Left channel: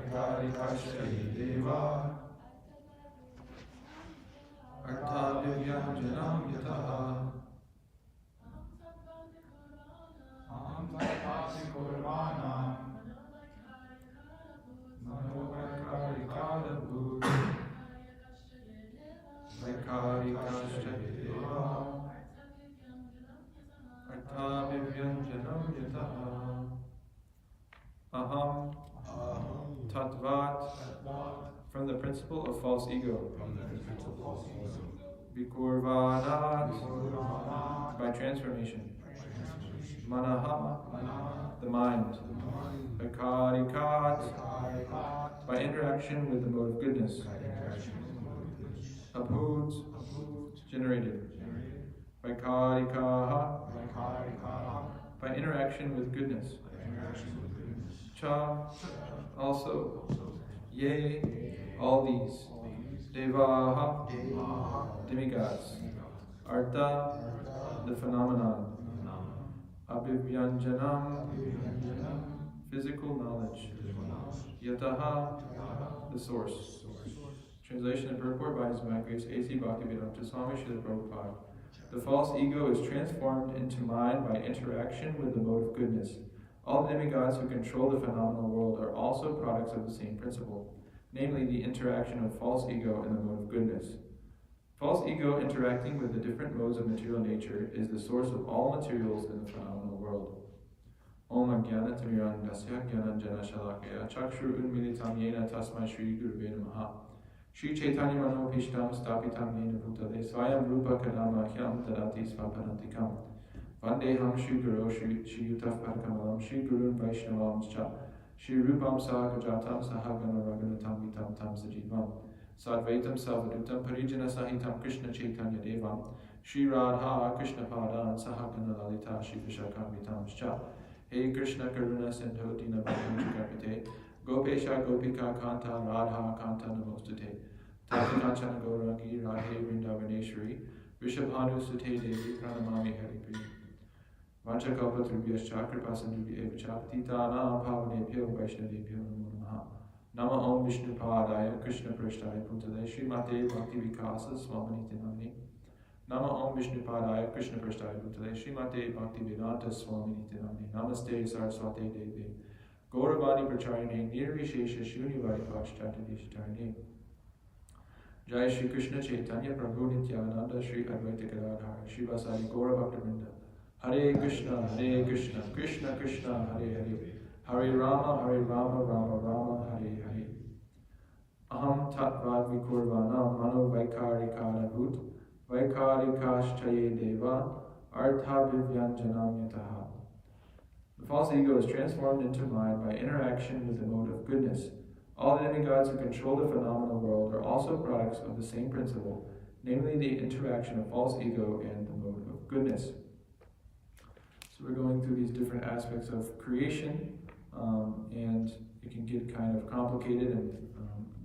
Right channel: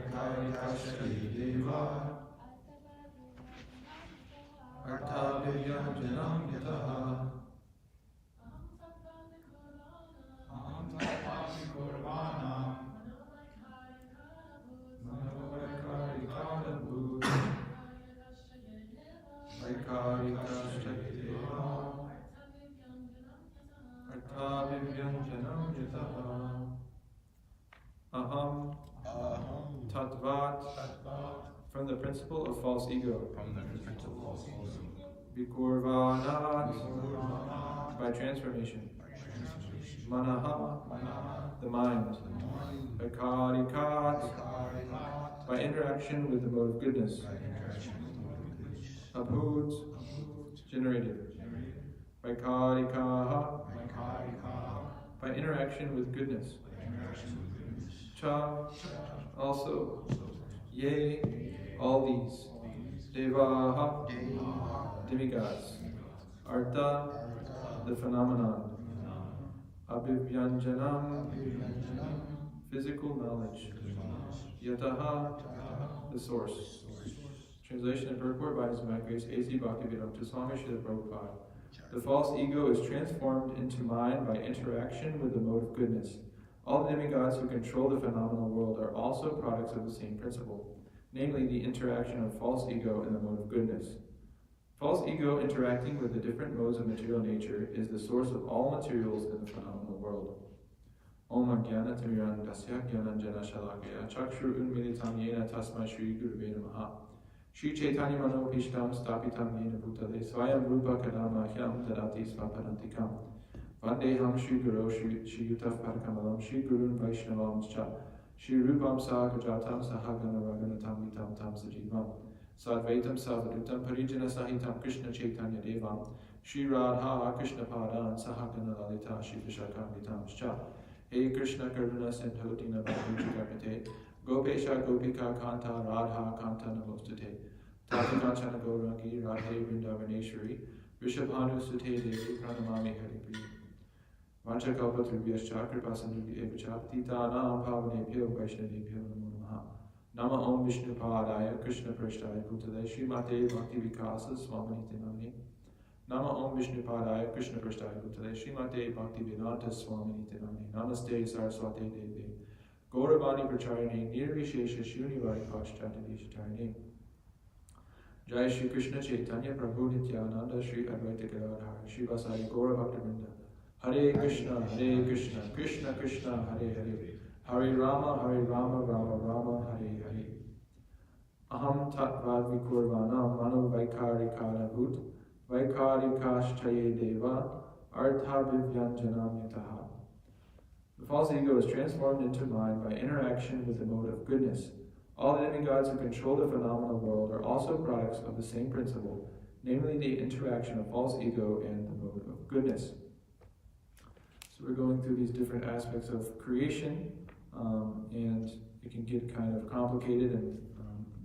Vaikarikashtaye deva Arthavyanjanam yataha Vaikarikashtaye deva Arthavyanjanam yataha Aham Tattvat, from the principle of false ego. Vikurvanat, by transformation. Manaha, the mind. Vaikarikat, by interaction with the mode of goodness. Abhut, generated. Vaikarikaha, by interaction with goodness. Cha, also. Yea, all these. Devaha, demigods. Artha, the phenomenon. Abhivyanjanam, physical knowledge. Yataha, the source. Translation and purport by His Grace A.C. Bhaktivedanta Swami Srila Prabhupada. The false ego is transformed into mind by interaction with the mode of goodness. All the demigods who control the phenomenal world are also products of the same principle, namely the interaction of false ego and the mode of goodness. False ego interacting with the different modes of material nature is the source of all materials in the phenomenal world. Om Jnana Timirandasya Jnananjana Shalakaya Chakshur Unmilitam Yena Tasmai Shri Guruve Namaha Shri Chaitanya Mano Pishtam Stapitam Yena Bhutale Swayam Rupa Kadama Hyam Tadati Svaparantikam Vandeham Shri Guru Shri Yutaf Padkamalam Shri Gurun Vaishnavam Cha Shri Rupam Sahajatam Sahagana Raghunatam Vitam Tam Sajivam Sadvaitam Savadutam Parijana Sahitam Krishna Chaitanya Devam Shri Radha Krishna Padan Sahagana Lalita Shri Vishakam Vitam Cha Hey Krishna Karuna Sindhu Dina Bhakti Gopesha Gopika Kanta Radha Kanta Namostute Tata Kanchana Gaurangi Radhe Vrindavaneshwari Rishabhanu Sute Devi Pranamami Haripriya Vanchakalpa Trubhyascha Kripasandubhya Evacha Patitanam Pavanebhyo Vaishnavebhyo Namo Namaha Nama Om Vishnu Padaya Krishna Prashtaya Bhutale Srimate Bhakti Vikasa Swaminiti Namini Nama Om Vishnu Padaya Krishna Prashtaya Bhutale Srimate Bhakti Vedanta Swaminiti Namini Namaste Saraswate Devi Gauravani Pracharine Nirvishesha Shunivari Paschatadishatarine Jai Shri Krishna Chaitanya Prabhu Nityananda Shri Advaita Gadadhar Shiva Sai Gaura Bhaktavinda Hare Krishna Krishna Krishna Hare Hare Hare Rama Rama Rama Hare Hare Aham Tattvad Vikurvana Mano Vaikarikadabhut Vaikarikashtaye Deva Artha Vivyanjanam Yataha. The false ego is transformed into mind by interaction with the mode of goodness. All the demigods who control the phenomenal world are also products of the same principle, namely the interaction of false ego and the mode of goodness. So we're going through these different aspects of creation, and it can get kind of complicated and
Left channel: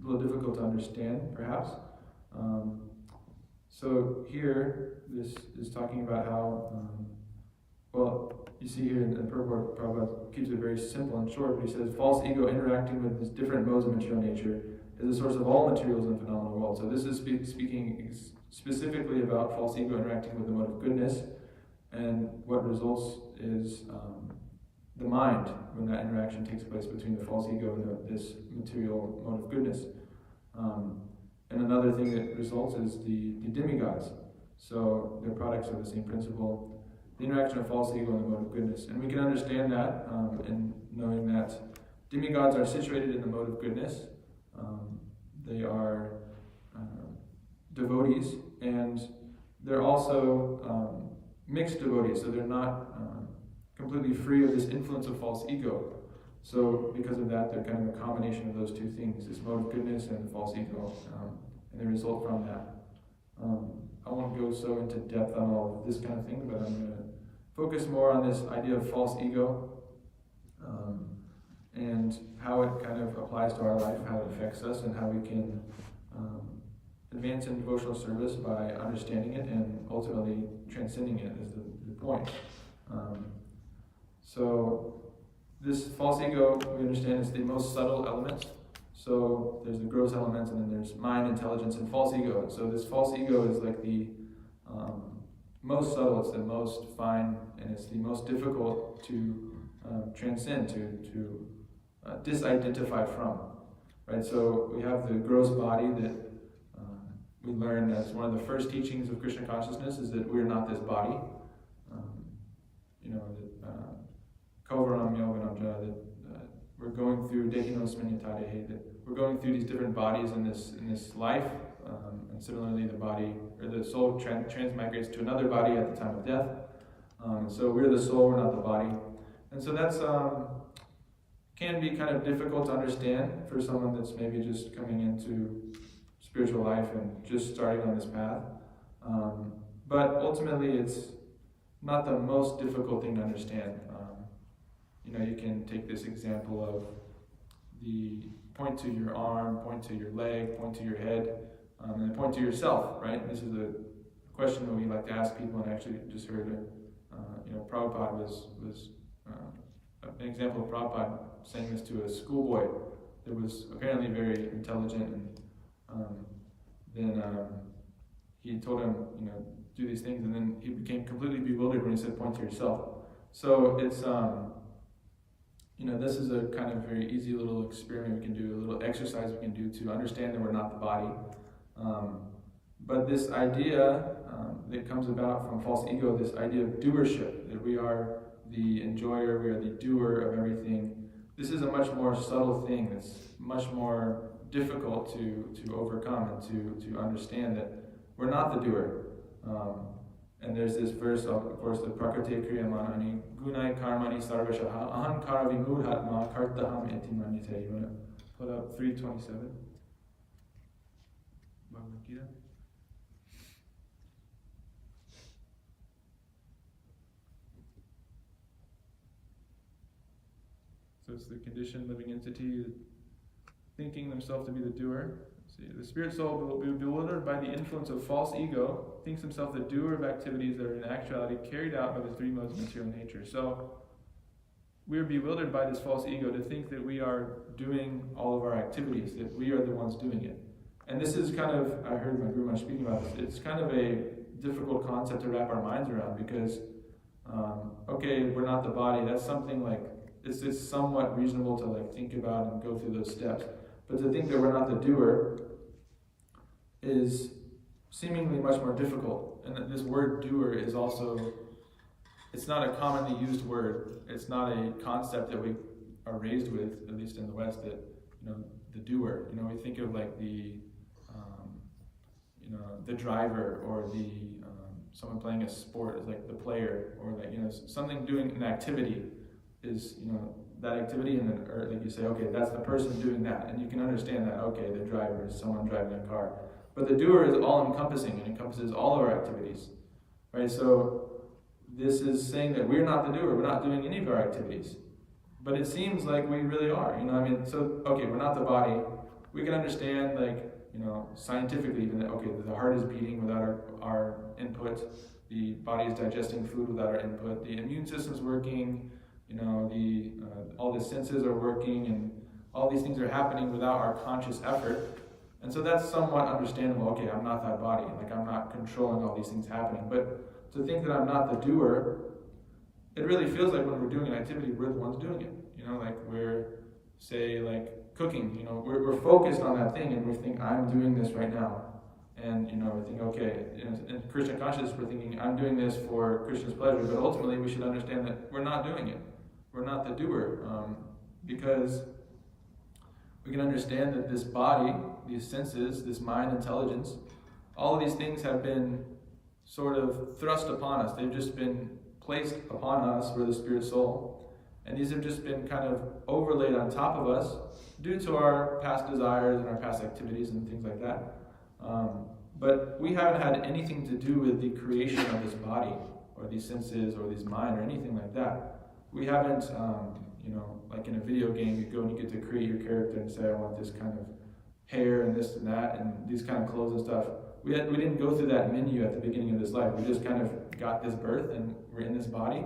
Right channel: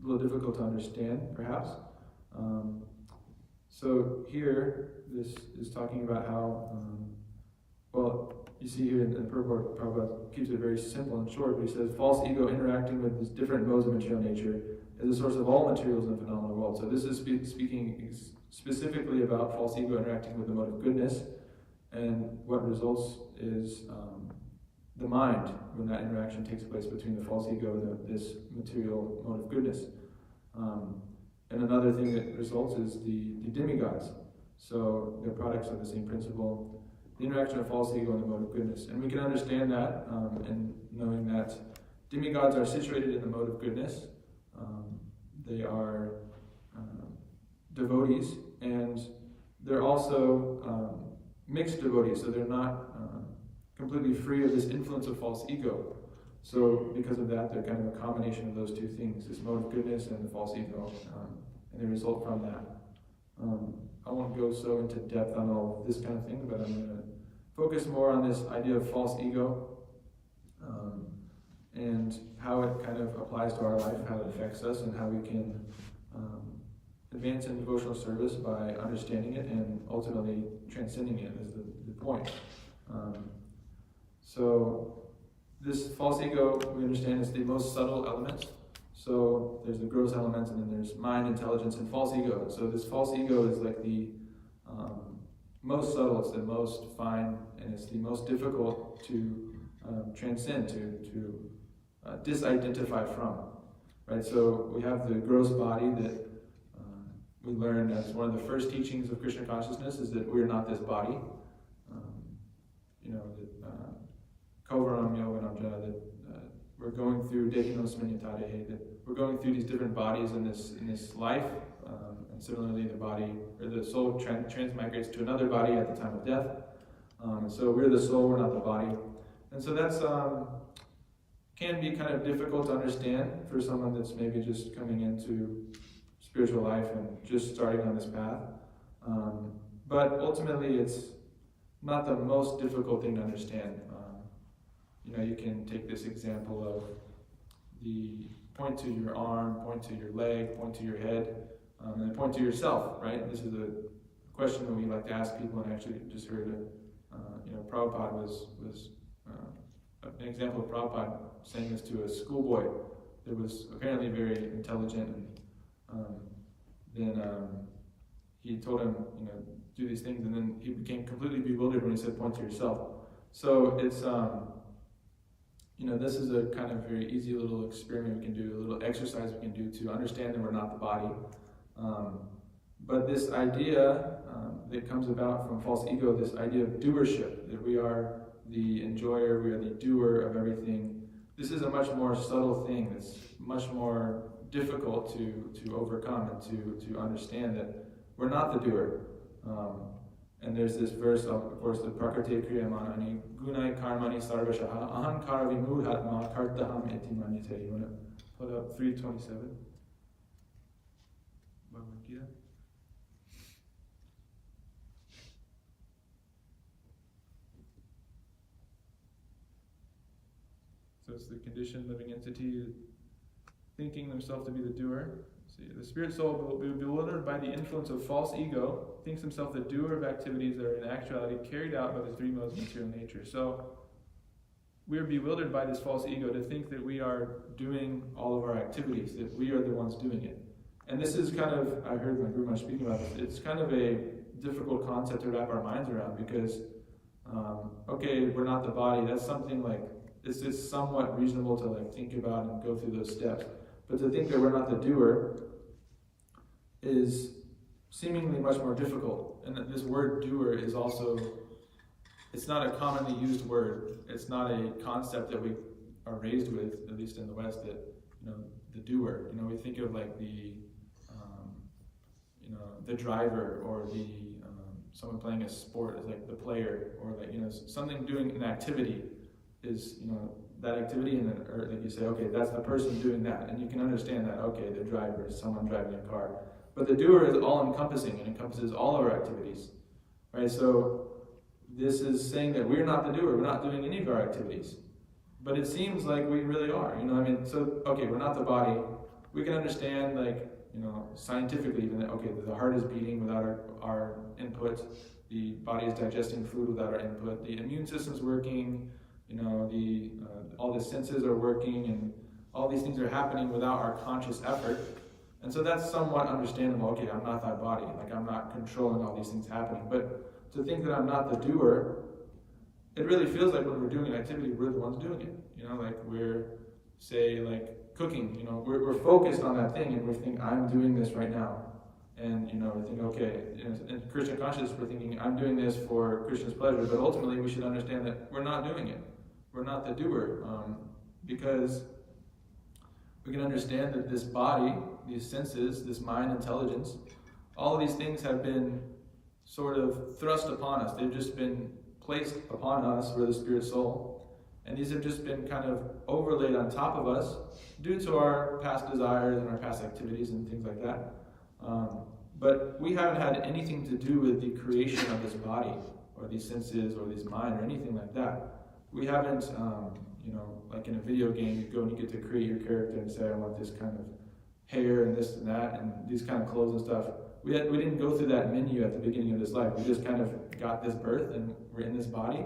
a little difficult to understand, perhaps. So here, this is talking about how, well, you see here in the purport, Prabhupada keeps it very simple and short, but he says, false ego interacting with these different modes of material nature is the source of all materials in the phenomenal world. So this is speaking specifically about false ego interacting with the mode of goodness, and what results is the mind when that interaction takes place between the false ego and this material mode of goodness. And another thing that results is the demigods. So they're products of the same principle. The interaction of false ego and the mode of goodness. And we can understand that in knowing that demigods are situated in the mode of goodness. They are devotees, and they're also mixed devotees, so they're not completely free of this influence of false ego. So because of that, they're kind of a combination of those two things, this mode of goodness and the false ego, and they result from that. I won't go so into depth on all of this kind of thing, but I'm going to focus more on this idea of false ego and how it kind of applies to our life, how it affects us, and how we can advance in devotional service by understanding it and ultimately transcending it is the point. So this false ego, we understand, is the most subtle element So there's the gross elements, and then there's mind, intelligence, and false ego. And so this false ego is like the most subtle, it's the most fine, and it's the most difficult to transcend, to disidentify from. Right? So we have the gross body that we learned as one of the first teachings of Krishna consciousness is that we're not this body. Kovaram Yovanam Jana, that we're going through Dehinos Smanyatadehe, that we're going through these different bodies in this life, and similarly the body, or the soul transmigrates to another body at the time of death. And so we're the soul, we're not the body. And so that's can be kind of difficult to understand for someone that's maybe just coming into spiritual life and just starting on this path. But ultimately it's not the most difficult thing to understand. You can take this example of the point to your arm, point to your leg, point to your head, and then point to yourself, right? This is a question that we like to ask people, and I actually just heard Prabhupada was an example of Prabhupada saying this to a schoolboy that was apparently very intelligent, and then he told him, do these things, and then he became completely bewildered when he said, point to yourself. So it's, this is a kind of very easy little experiment we can do, a little exercise we can do to understand that we're not the body. But this idea that comes about from false ego, this idea of doership, that we are the enjoyer, we are the doer of everything, this is a much more subtle thing. It's much more difficult to overcome and to understand that we're not the doer. And there's this verse, of course, the Prakriti Kriyamanani, Gunai Karmani Sarvashaha, Ahankara Vimudhatma Kartaham Iti Manyate. You want to put up 327? Bhagavad Gita. So it's the conditioned living entity thinking themselves to be the doer. See, the spirit soul, bewildered by the influence of false ego, thinks himself the doer of activities that are in actuality carried out by the three modes of material nature. So we are bewildered by this false ego to think that we are doing all of our activities, that we are the ones doing it. And this is kind of, I heard my Guru Maharaj speaking about this, it's kind of a difficult concept to wrap our minds around because, okay, we're not the body, that's something like, it's somewhat reasonable to like think about and go through those steps. But to think that we're not the doer is seemingly much more difficult. And that this word doer is also, it's not a commonly used word. It's not a concept that we are raised with, at least in the West, that, the doer. We think of like the driver, or the someone playing a sport is like the player, or like, something doing an activity is, that activity, and then, or like you say, okay, that's the person doing that, and you can understand that, okay, the driver is someone driving a car. But the doer is all-encompassing, and encompasses all of our activities, right? So this is saying that we're not the doer, we're not doing any of our activities. But it seems like we really are, so, okay, we're not the body. We can understand, like, scientifically even that, okay, the heart is beating without our input, the body is digesting food without our input, the immune system's working, all the senses are working, and all these things are happening without our conscious effort. And so that's somewhat understandable. Okay, I'm not that body, like I'm not controlling all these things happening. But to think that I'm not the doer, it really feels like when we're doing an activity, we're the ones doing it. Like we're, say, like cooking, we're focused on that thing, and we think, I'm doing this right now. And, we think, okay, in Krishna consciousness, we're thinking, I'm doing this for Krishna's pleasure, but ultimately we should understand that we're not doing it. We're not the doer, because we can understand that this body, these senses, this mind, intelligence, all of these things have been sort of thrust upon us. They've just been placed upon us, we're the spirit soul, and these have just been kind of overlaid on top of us due to our past desires and our past activities and things like that. But we haven't had anything to do with the creation of this body, or these senses, or this mind, or anything like that. We haven't, like in a video game, you go and you get to create your character and say, I want this kind of hair and this and that and these kind of clothes and stuff. We didn't go through that menu at the beginning of this life. We just kind of got this birth and we're in this body.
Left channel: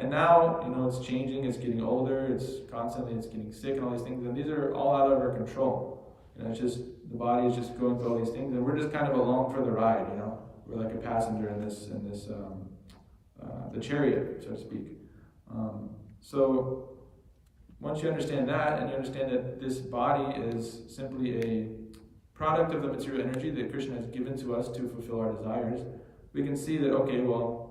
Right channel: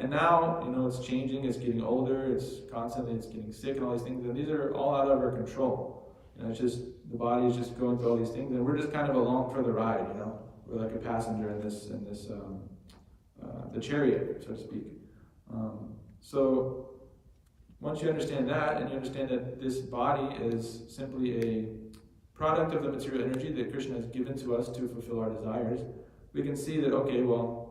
And now, it's changing, it's getting older, it's getting sick and all these things, and these are all out of our control. It's just, the body is just going through all these things, and we're just kind of along for the ride, We're like a passenger in this the chariot, so to speak. So once you understand that, and you understand that this body is simply a product of the material energy that Krishna has given to us to fulfill our desires, we can see that, okay, well,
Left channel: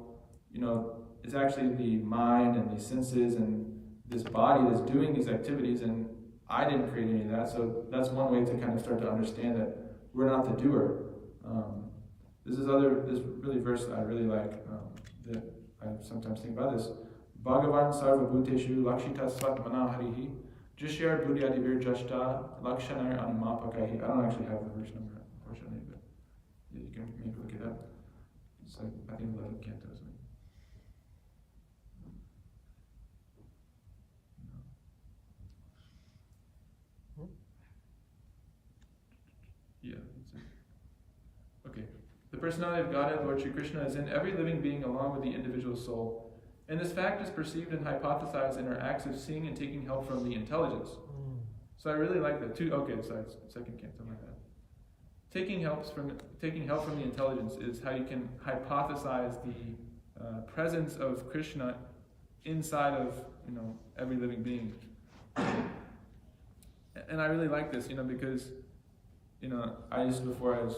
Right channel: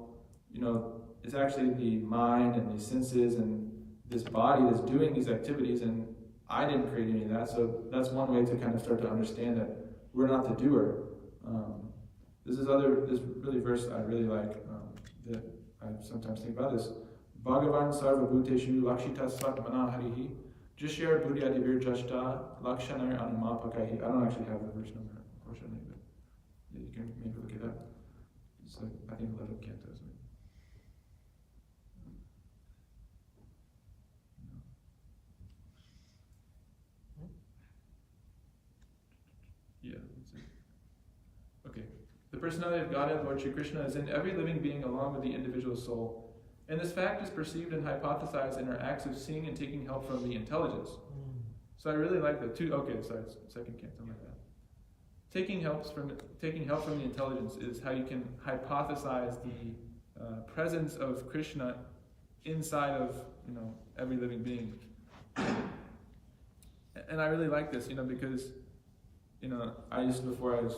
it's actually the mind and the senses and this body that's doing these activities, and I didn't create any of that. So that's one way to kind of start to understand that we're not the doer. This really verse I really like, that I sometimes think about this. Bhagavan sarva bhuteshu lakshita svatmana harihi jishya buddhyadivir jashta lakshanar anumapakahi. I don't actually have the verse number, unfortunately, but yeah, you can maybe look it up. It's like, I think 11th canto. Yeah, that's it. Okay. The personality of Godhead, Lord Shri Krishna, is in every living being along with the individual soul. And this fact is perceived and hypothesized in our acts of seeing and taking help from the intelligence. So I really like that. Second canto, my bad. Taking help from the intelligence is how you can hypothesize the presence of Krishna inside of every living being. And I really like this, because I used to, before I was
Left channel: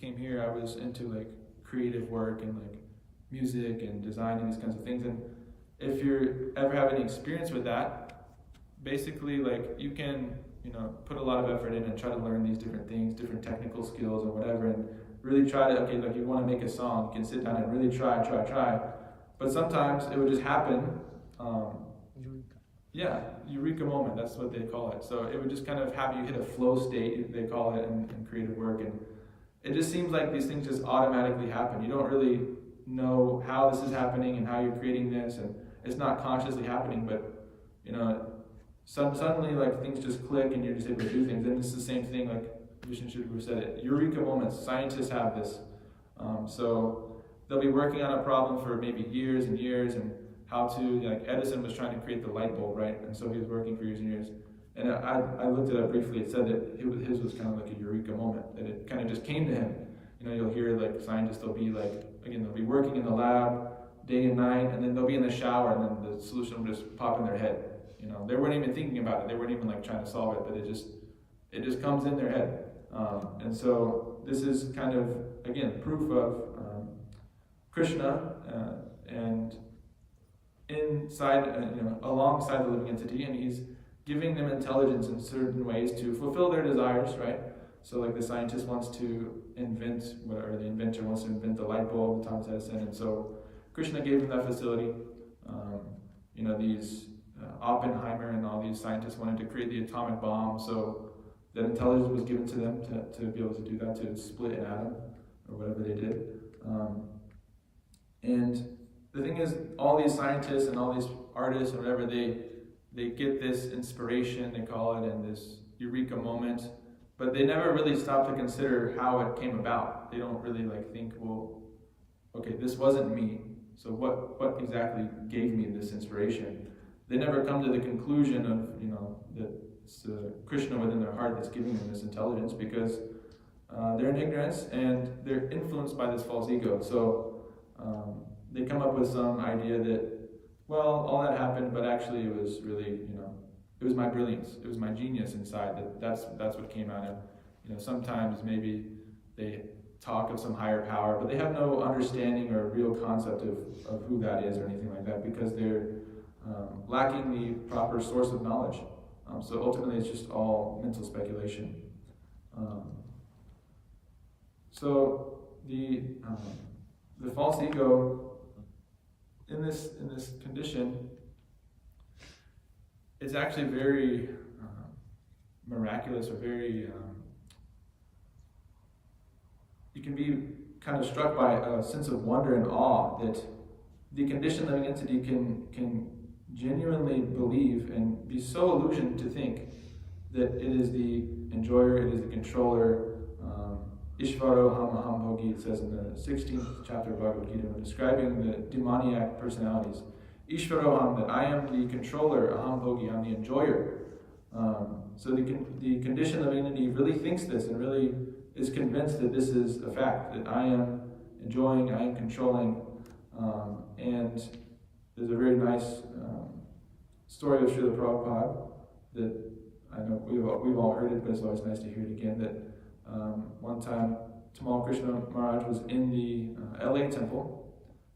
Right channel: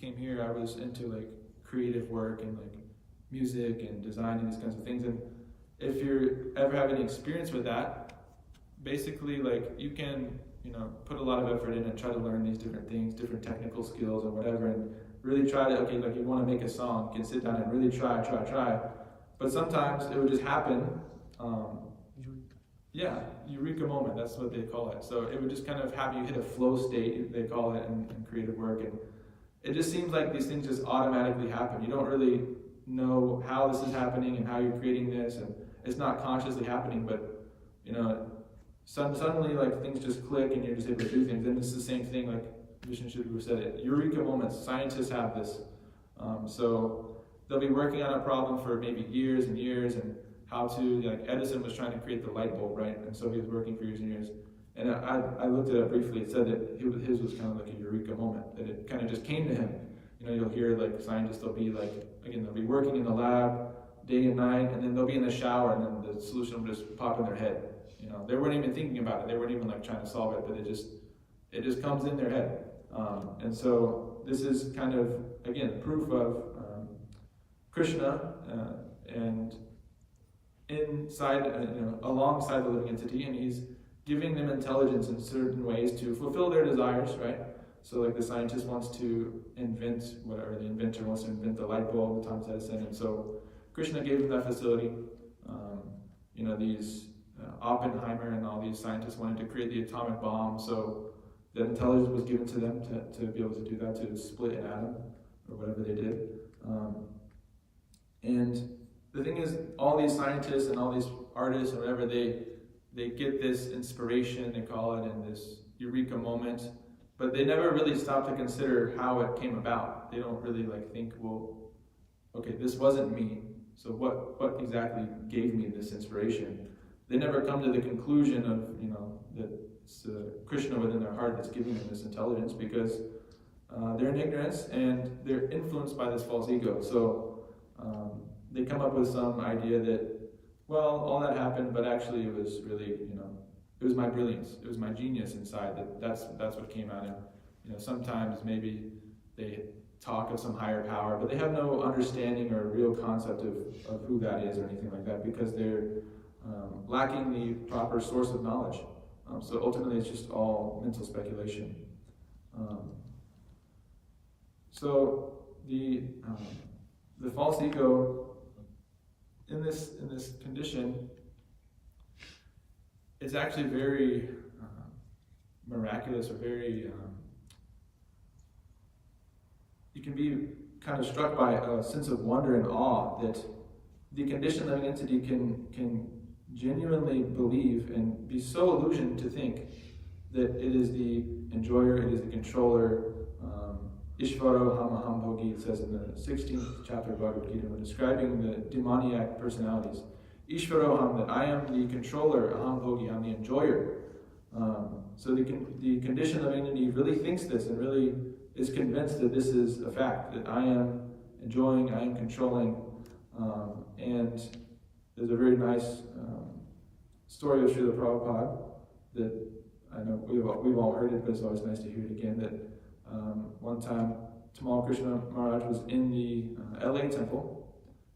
came here, I was into like creative work and like music and design and these kinds of things. And if you ever have any experience with that, basically like you can put a lot of effort in and try to learn these different things, different technical skills or whatever, and really try to, like you want to make a song, you can sit down and really try. But sometimes it would just happen. Eureka moment, that's what they call it. So it would just kind of have you hit a flow state, they call it in creative work. And it just seems like these things just automatically happen. You don't really know how this is happening and how you're creating this, and it's not consciously happening, but suddenly like things just click and you're just able to do things. And it's the same thing, like Vishnu Shudru said it, eureka moments. Scientists have this. So they'll be working on a problem for maybe years and years, and how to, like Edison was trying to create the light bulb, right? And so he was working for years and years. And I looked it up briefly. It said that his was kind of like a eureka moment, that it kind of just came to him. You'll hear like scientists, they'll be like, again, they'll be working in the lab day and night, and then they'll be in the shower, and then the solution will just pop in their head. They weren't even thinking about it. They weren't even like trying to solve it, but it just comes in their head. And so this is kind of, again, proof of Krishna and inside, alongside the living entity, and he's giving them intelligence in certain ways to fulfill their desires, right? So like the scientist wants to invent, or the inventor wants to invent the light bulb, Thomas Edison, and so Krishna gave them that facility. These Oppenheimer and all these scientists wanted to create the atomic bomb, so that intelligence was given to them to be able to do that, to split an atom, or whatever they did. And the thing is, all these scientists and all these artists or whatever, they get this inspiration, they call it, and this eureka moment, but they never really stop to consider how it came about. They don't really like think, well, okay, this wasn't me, so what exactly gave me this inspiration? They never come to the conclusion of, that it's Krishna within their heart that's giving them this intelligence, because they're in ignorance and they're influenced by this false ego. So they come up with some idea that, well, all that happened, but actually it was really, it was my brilliance, it was my genius inside, that's what came out. And sometimes maybe they talk of some higher power, but they have no understanding or real concept of who that is or anything like that, because they're lacking the proper source of knowledge. So ultimately it's just all mental speculation. So the false ego in this condition, it's actually very miraculous, or very you can be kind of struck by a sense of wonder and awe that the conditioned living entity can genuinely believe and be so illusioned to think that it is the enjoyer, it is the controller. Ishvaro Hamaham Bhogi, it says in the 16th chapter of Bhagavad Gita, when describing the demoniac personalities. Ishvaroham, that I am the controller, aham bhogi, I'm the enjoyer. So the conditioned living entity really thinks this and really is convinced that this is a fact, that I am enjoying, I am controlling. And there's a very nice story of Srila Prabhupada that I know we've all heard it, but it's always nice to hear it again, that one time Ali Krishna Maharaj was in the LA temple,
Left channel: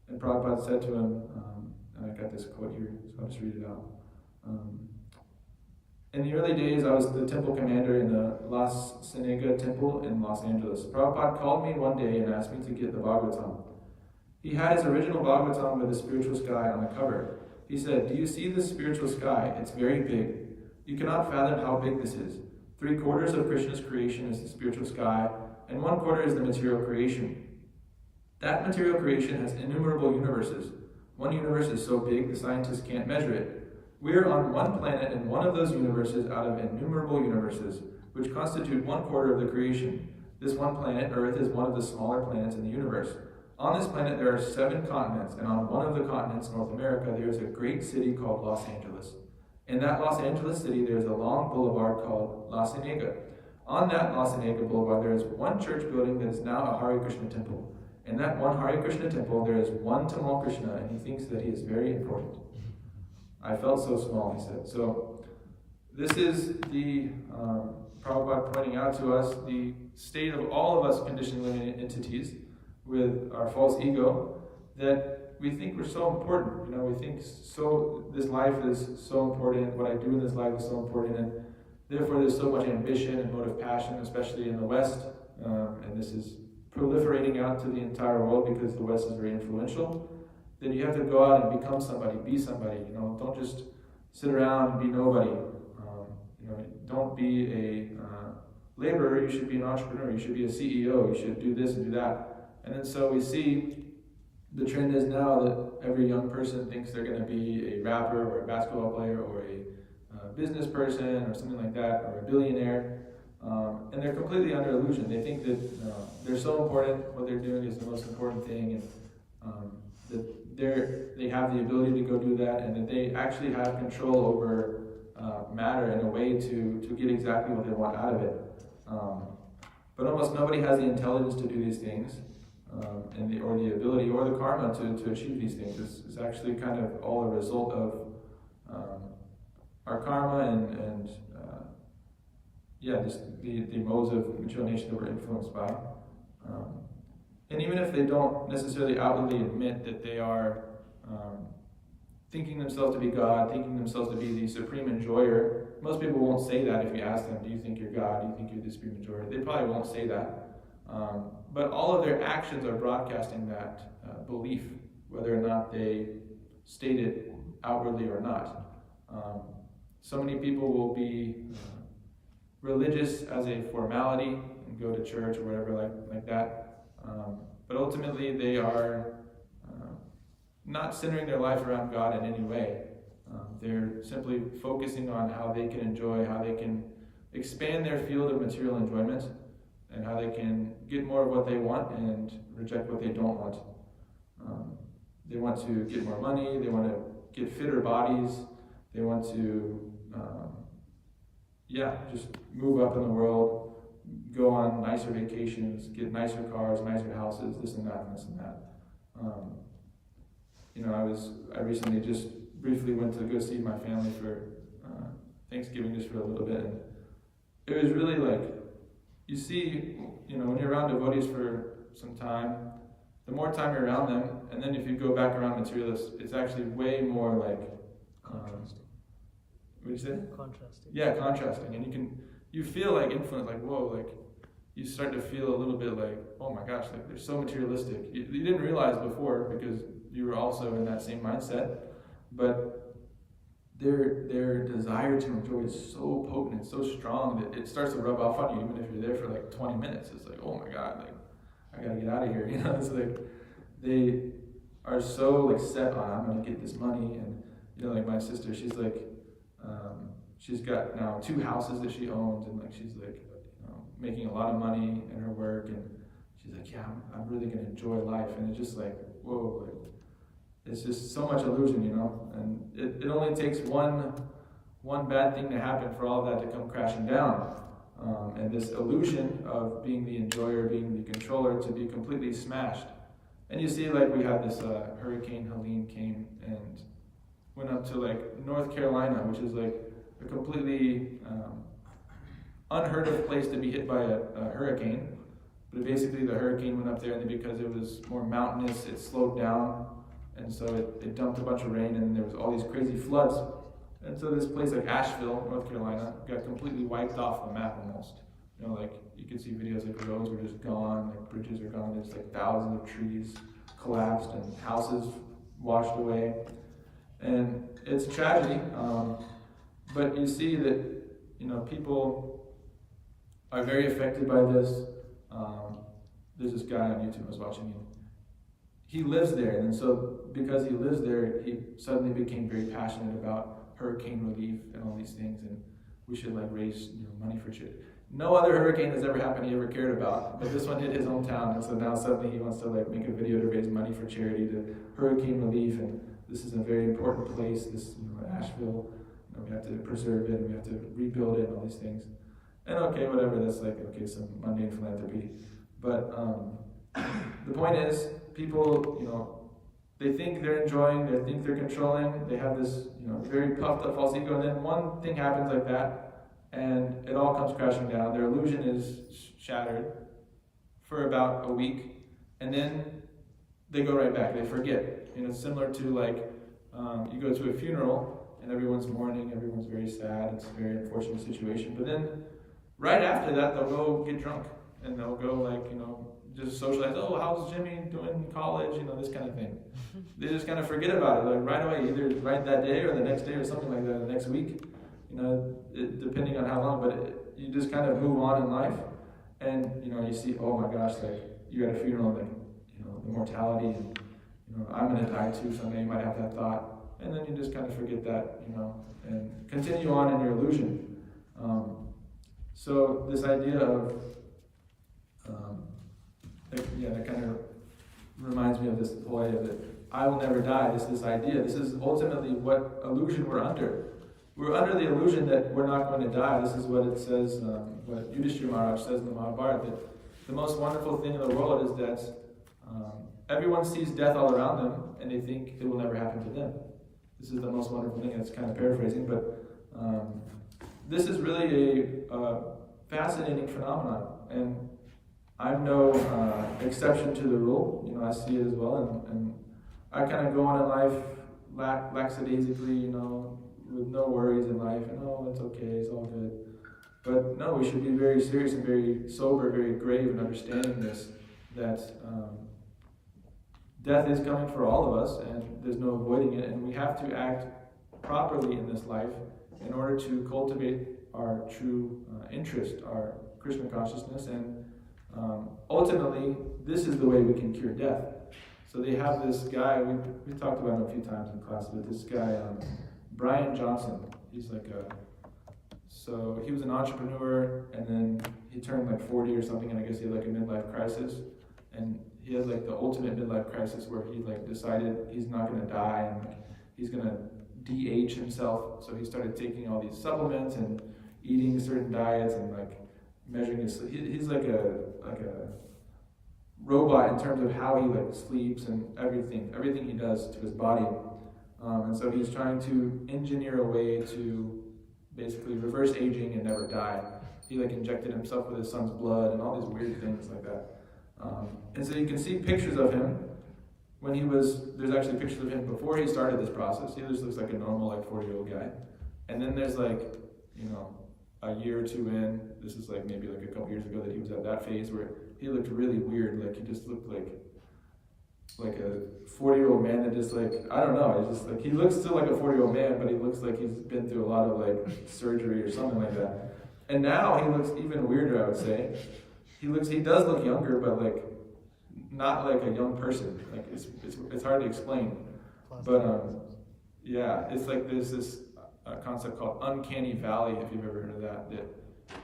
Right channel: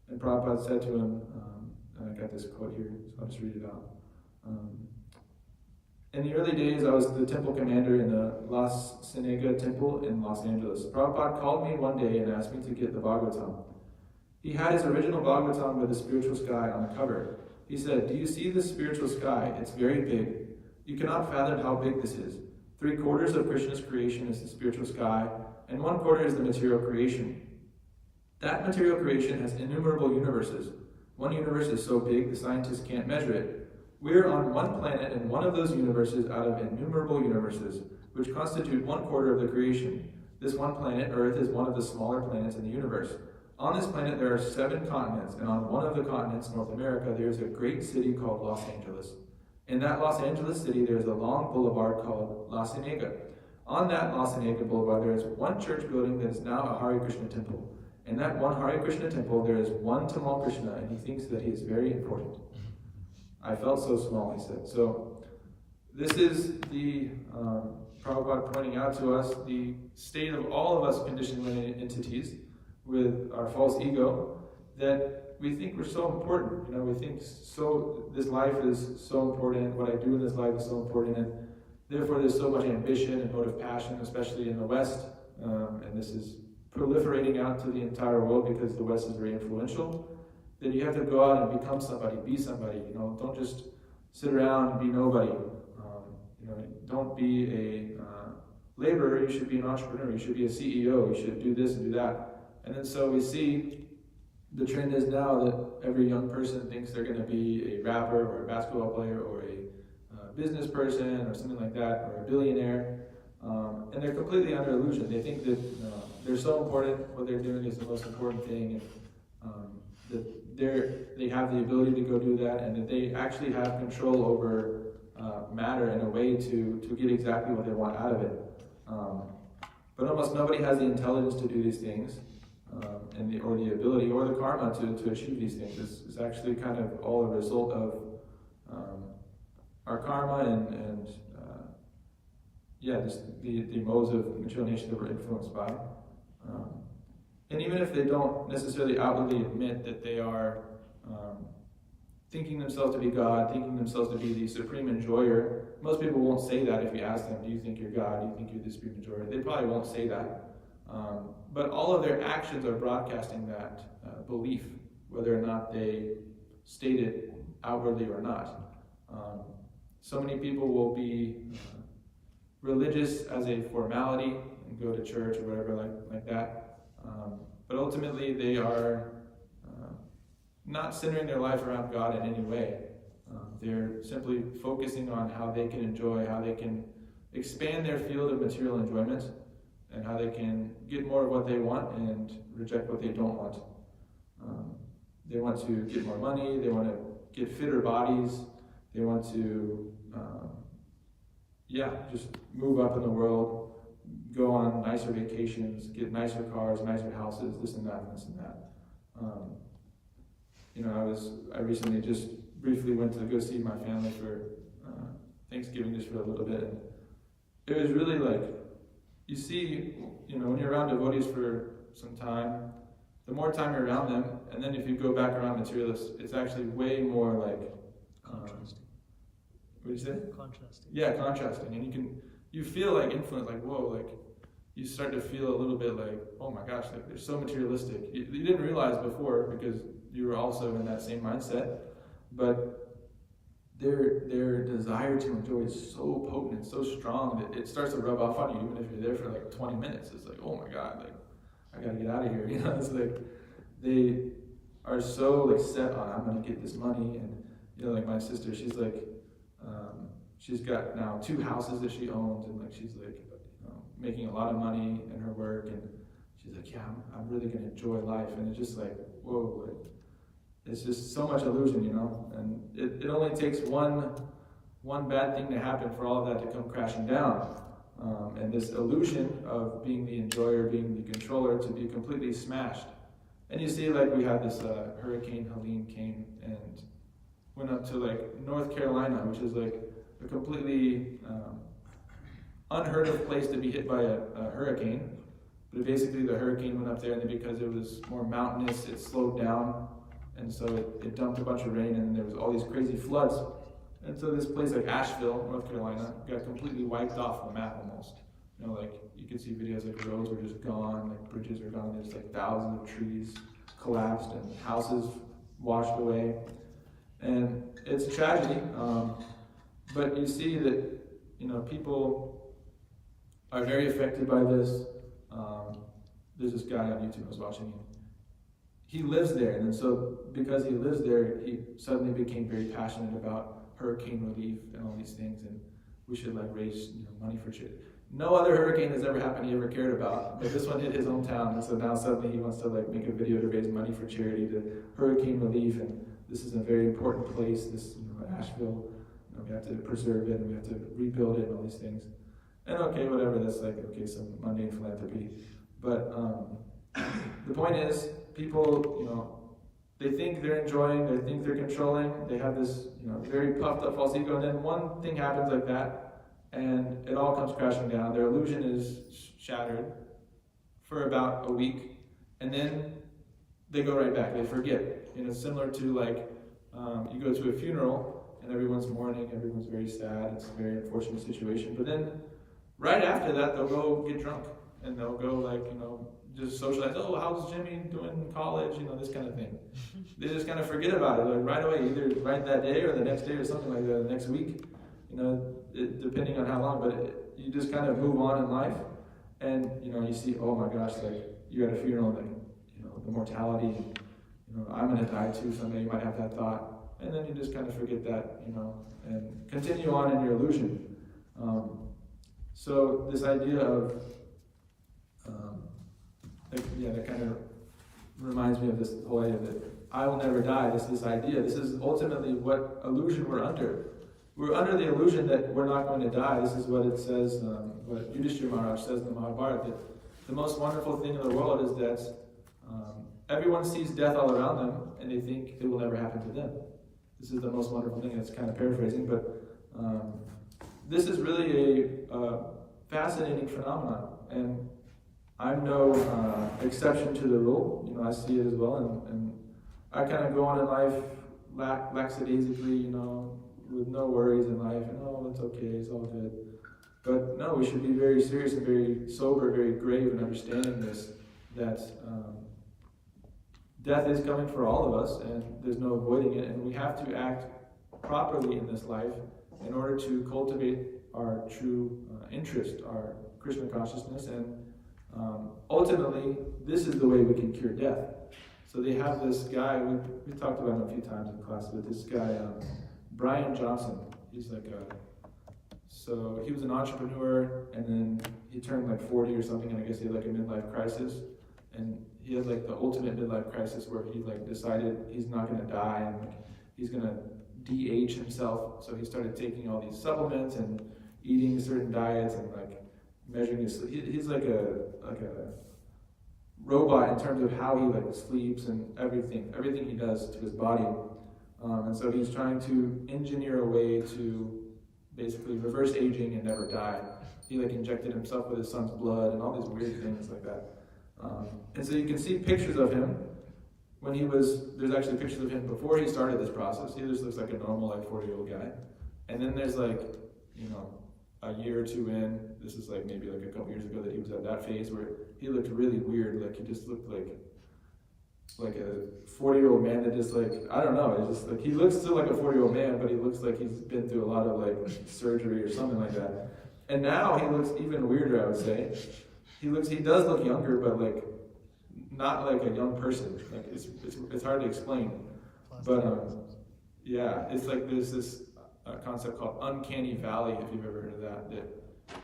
and Prabhupada said to him, and I got this quote here, so I'll just read it out. In the early days, I was the temple commander in the Las Cienega temple in Los Angeles. Prabhupada called me one day and asked me to get the Bhagavatam. He had his original Bhagavatam with the spiritual sky on the cover. He said, "Do you see this spiritual sky? It's very big. You cannot fathom how big this is. 3/4 of Krishna's creation is the spiritual sky, and 1/4 is the material creation. That material creation has innumerable universes. One universe is so big the scientists can't measure it. We're on one planet in one of those universes out of innumerable universes, which constitute 1/4 of the creation. This one planet, Earth, is one of the smaller planets in the universe. On this planet there are 7 continents, and on one of the continents, North America, there is a great city called Los Angeles. In that Los Angeles city, there is a long boulevard called La Cienega. On that La Cienega boulevard, there is one church building that is now a Hare Krishna temple. In that one Hare Krishna temple, there is one Tamal Krishna, and he thinks that he is very important." I felt so small, he said. So this is the Prabhupada pointing out to us the state of all of us conditioned living entities with our false ego, that we think we're so important. We think so this life is so important, what I do in this life is so important, and therefore there's so much ambition and motive passion, especially in the West, and this is proliferating out to the entire world because the West is very influential. That you have to go out and become somebody, be somebody. Don't just sit around and be nobody. Don't be a laborer. You should be an entrepreneur. You should be a CEO. You should do this and do that. And then so we see the trend is now that every young person thinks they're going to be a rapper or a basketball player or a business person or something like that, or a billionaire. And they're completely under illusion. They think that they're so important. What they're doing is the most important thing, and that they have the ability to go do that, and that they actually have control over matter in a way to get exactly what they want out of it. But almost nobody has the intelligence to do these things, or the ability or the karma to achieve these things. It's actually kind of all a result of our karma and the modes of material nature that we're influenced by. And even if they don't necessarily outwardly admit that they are thinking themselves to be God, thinking themselves to be the supreme enjoyer, most people won't say that if you ask them, do you think you're God? Do you think you're the supreme enjoyer? They probably won't say that. But all of their actions are broadcasting that belief, whether or not they state it outwardly or not. So many people will be religious as a formality and go to church or whatever like that. But ultimately they are not centering their life around God in any way. They're simply focusing on how they can enjoy, how they can expand their field of material enjoyment, and how they can get more of what they want and reject what they don't want. They want to get more money, they want to get fitter bodies, they want to just move up in the world, go on nicer vacations, get nicer cars, nicer houses, this and that, and this and that. I recently just briefly went to go see my family for Thanksgiving, just for a little bit, and it was really you see, when you're around devotees for some time, the more time you're around them, and then if you go back around materialists, it's actually way more contrasting. What did you say? Contrasting. Yeah, contrasting, and you feel influence, whoa, you start to feel a little bit oh my gosh, they're so materialistic. You didn't realize before because you were also in that same mindset, but their desire to enjoy is so potent and so strong that it starts to rub off on you, even if you're there for 20 minutes. It's oh my God, I gotta get out of here. It's they are so set on, I'm gonna get this money, and my sister, she's she's got now 2 houses that she owns, and she's making a lot of money in her work, and she's yeah, I'm really gonna enjoy life, and it's just whoa, it's just so much illusion, and it only takes one bad thing to happen for all of that to come crashing down. And this illusion of being the enjoyer, being the controller, to be completely smashed. And you see, like, we had this Hurricane Helene came and went up to like North Carolina, which is like a completely unheard of place to be hit by a hurricane. But basically the hurricane went up there, and then because it was more mountainous, it slowed down, and so it dumped a bunch of rain, and then there was all these crazy floods. And so this place like Asheville, North Carolina, got completely wiped off the map almost. Like you can see videos like roads were just gone, like bridges are gone, there's like thousands of trees collapsed and houses washed away. And it's a tragedy, but you see that, people are very affected by this. There's this guy on YouTube I was watching, he lives there, and so because he lives there, he suddenly became very passionate about hurricane relief and all these things, and we should like raise money for charity. No other hurricane has ever happened he ever cared about, but this one hit his hometown, and so now suddenly he wants to like make a video to raise money for charity to hurricane relief, and this is a very important place, this Asheville, we have to preserve it, and we have to rebuild it, and all these things. And okay, whatever, that's like, okay, some mundane philanthropy. But the point is, people, they think they're enjoying, they think they're controlling, they have this, very puffed up false ego, and then one thing happens like that, and it all comes crashing down. Their illusion is shattered for about a week, and then they go right back, they forget. It's similar to like, you go to a funeral, and everyone's mourning, everyone's very sad, it's a very unfortunate situation, but then right after that, they'll go get drunk, and they'll go like, just socialize. Oh, how's Jimmy doing in college? This kind of thing. They just kind of forget about it, like right away, either right that day or the next day or something like that, the next week, depending on how long, but you just kind of move on in life, and, you see, oh my gosh, like, you're at a funeral, like, the mortality, and, I'm gonna die too someday, you might have that thought, and then you just kind of forget that, and continue on in your illusion. So this idea of, that kind of reminds me of this whole idea that I will never die. This idea. This is ultimately what illusion we're under. We're under the illusion that we're not going to die. This is what it says, what Yudhishthira Maharaj says in the Mahabharata, that the most wonderful thing in the world is that everyone sees death all around them, and they think it will never happen to them. This is the most wonderful thing, and it's kind of paraphrasing, but this is really a fascinating phenomenon, and I'm no exception to the rule. I see it as well, and I kind of go on in life lackadaisically, with no worries in life, and it's okay, it's all good. But no, we should be very serious and very sober, very grave in understanding this, that death is coming for all of us, and there's no avoiding it, and we have to act properly in this life in order to cultivate our true interest, our Krishna consciousness, and ultimately, this is the way we can cure death. So they have this guy, we talked about him a few times in class, but this guy, Brian Johnson, he's like so he was an entrepreneur, and then he turned like 40 or something, and I guess he had like a midlife crisis, and he had like the ultimate midlife crisis where he like decided he's not going to die, and he's going to de-age himself, so he started taking all these supplements and eating certain diets and like measuring his sleep. He's like a robot in terms of how he like sleeps and everything he does to his body. And so he's trying to engineer a way to basically reverse aging and never die. He like injected himself with his son's blood and all these weird things like that. And so you can see pictures of him when there's actually pictures of him before he started this process. He just looks like a normal like 40-year-old guy. And then there's like, a year or two in, this is like maybe like a couple years ago that he was at that phase where he looked really weird, like he just looked like a 40-year-old man that just like, I don't know, it's just like, he looks still like a 40-year-old man, but he looks like he's been through a lot of like surgery or something like that. And now he looks even weirder, I would say. He does look younger, but like, not like a young person. Like it's hard to explain. But yeah, it's like there's this concept called uncanny valley, if you've ever heard of that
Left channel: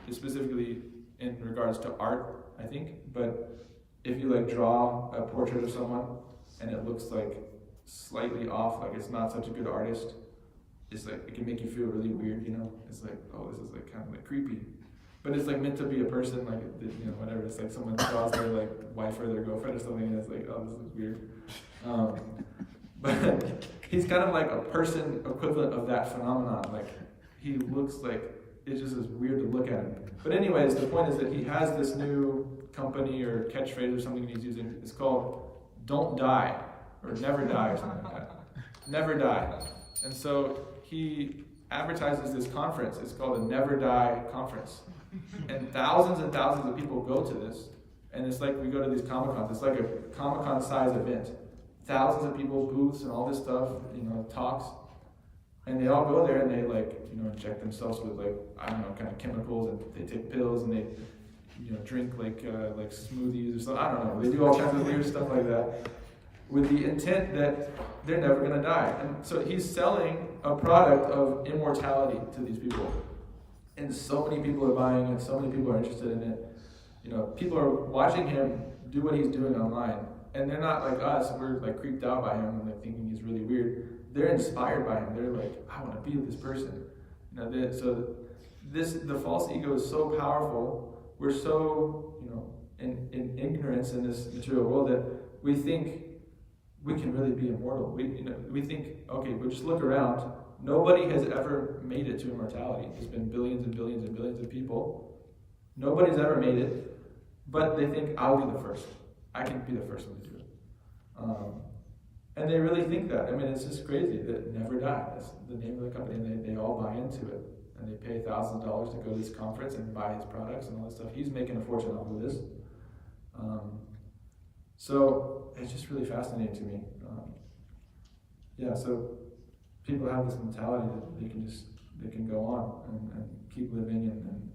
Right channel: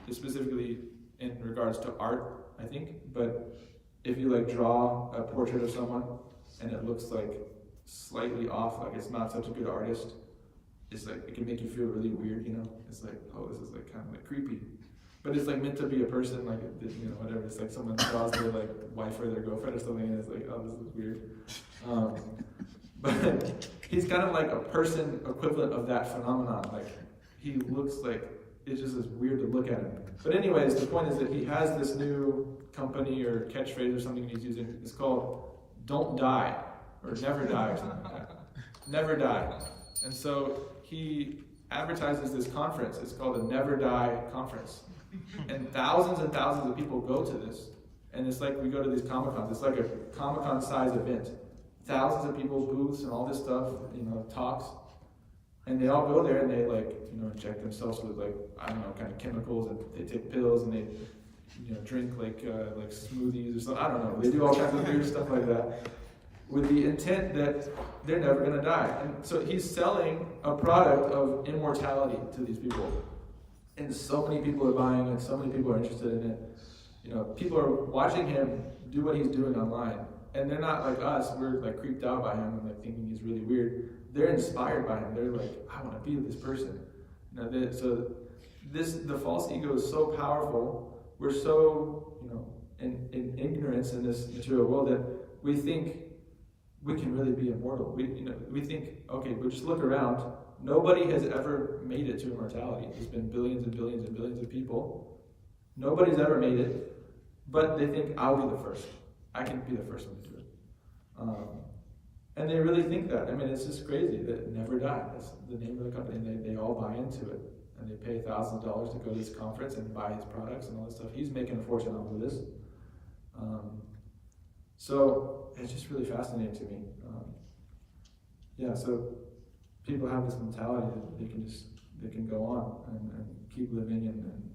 is specifically in regards to art, I think. But if you like draw a portrait of someone and it looks like slightly off, like it's not such a good artist, it's like, it can make you feel really weird, you know? It's like, oh, this is like kind of like creepy. But it's like meant to be a person, like, you know, whatever. It's like someone draws their like wife or their girlfriend or something, and it's like, oh, this is weird. But he's kind of like a person equivalent of that phenomenon. Like, he looks like, it just is weird to look at him. But anyways, the point is that he has this new company or catchphrase or something he's using. It's called "Don't Die" or "Never Die" or something like that. Never die. And so he advertises this conference. It's called the Never Die Conference. And thousands of people go to this. And it's like we go to these Comic-Cons. It's like a Comic-Con size event. Thousands of people, booths and all this stuff, you know, talks. And they all go there and they like, you know, inject themselves with like, I don't know, kind of chemicals, and they take pills and they, you know, drink like smoothies or something. I don't know. They do all kinds of weird stuff like that with the intent that they're never going to die. And so he's selling a product of immortality to these people. And so many people are buying it, so many people are interested in it. You know, people are watching him do what he's doing online. And they're not like us, we're like creeped out by him and like thinking he's really weird. They're inspired by him. They're like, I want to be this person. You know, so the false ego is so powerful. We're so, you know, in ignorance in this material world that we think we can really be immortal. We think, okay, but just look around. Nobody has ever made it to immortality. There's been billions and billions and billions of people. Nobody's ever made it, but they think I'll be the first. I can be the first one to do it. And they really think that. I mean, it's just crazy that it never die. That's the name of the company, and they all buy into it. And they pay thousands of dollars to go to this conference and buy his products and all this stuff. He's making a fortune off of this. So it's just really fascinating to me. Yeah, so people have this mentality that they can go on and keep living and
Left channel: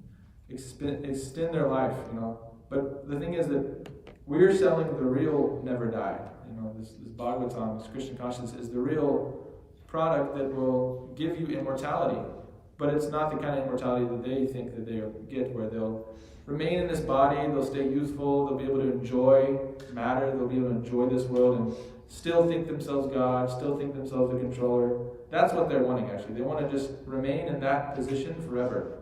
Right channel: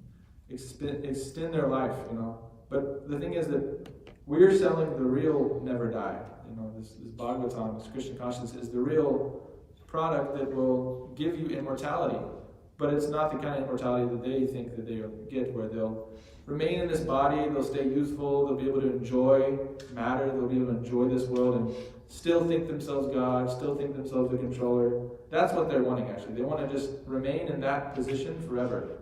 extend their life, you know. But the thing is that we're selling the real never die. You know, this Bhagavatam, this Krishna consciousness, is the real product that will give you immortality. But it's not the kind of immortality that they think that they'll get, where they'll remain in this body, they'll stay youthful, they'll be able to enjoy matter, they'll be able to enjoy this world and still think themselves God, still think themselves the controller. That's what they're wanting, actually. They want to just remain in that position forever.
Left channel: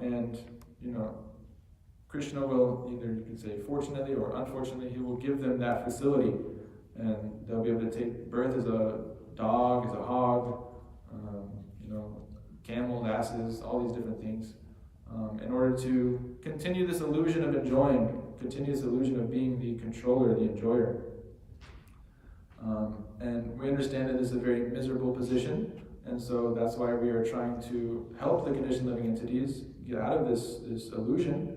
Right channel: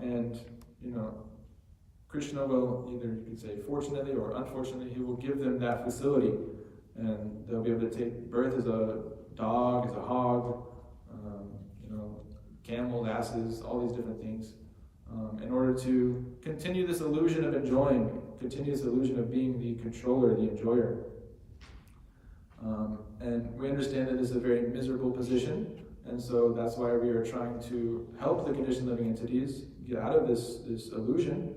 And, you know, Krishna will, either you could say fortunately or unfortunately, he will give them that facility. And they'll be able to take birth as a dog, as a hog, you know, camels, asses, all these different things. In order to continue this illusion of enjoying, continue this illusion of being the controller, the enjoyer. And we understand that this is a very miserable position, and so that's why we are trying to help the conditioned living entities get out of this illusion.